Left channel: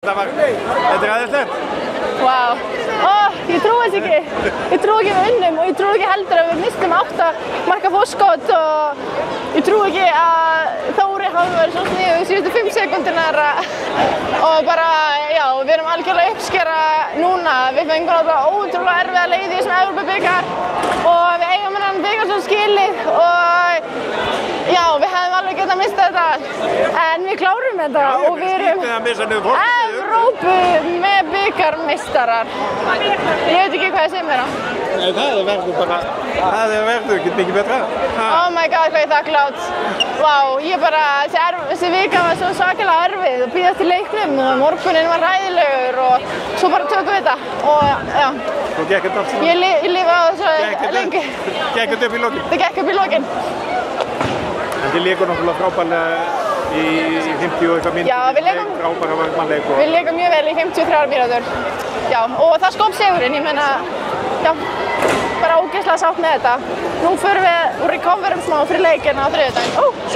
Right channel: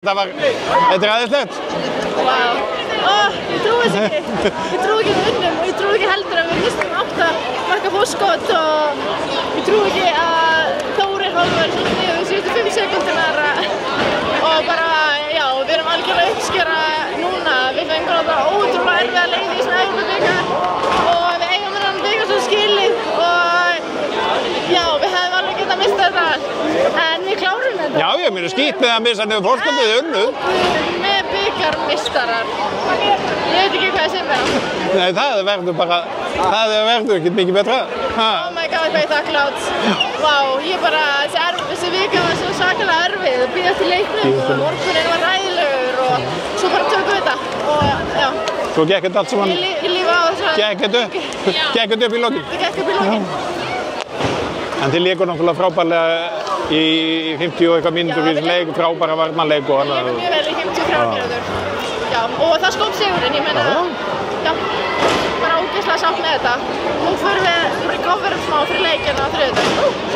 Þetta aðeinslegt. Vá. Ég trúi þess ekki. Ég trúi ekki að við unnum og ég trúi ekki heldur að við mistum 8 marka fórskot og ég trúi ekki að Þórir hafi verið svona sniðugur síðustu 5 sekúndurnar og bara, já, við erum algjörlega uppskera núna. Við fengum bara ótrúlega erfiða leiki í þessum Evrópubikar og við eigum þennan bikar svo skilið og já, við hefðum alveg getað mistað þetta en við klárum þetta. Já, ég meina skipið að missa niður fórskotið unnu. Evrópu með bikarmistarar. Ég veit ekki hvað ég segir mér á. Nei, það verður bara, það verður ekki mikið betra. Oh my god, hvað ég þakklátt. Vá, ég bara, þessi vika var svo svakalega erfið. Bíða eftir leiknum og morguninn var ræðilegur og svo bara tökum við þetta og já. Svo gekk þetta allt saman. Ég lifa þess Gekk þetta upp í lokin? Það gekk upp í lokin. En þið leikur náttúrulega frábærlega í 50 og eitthvað mínútur í þessu leik, frábæra varnarleik og við leikum mjög vel í 53 mínútur. Já, og það skóp sigurinn, ég meina, já, bara ógeðslega sátt með þetta. Nú förum við recoverum smá fyrir leikinn á þriðjudaginn.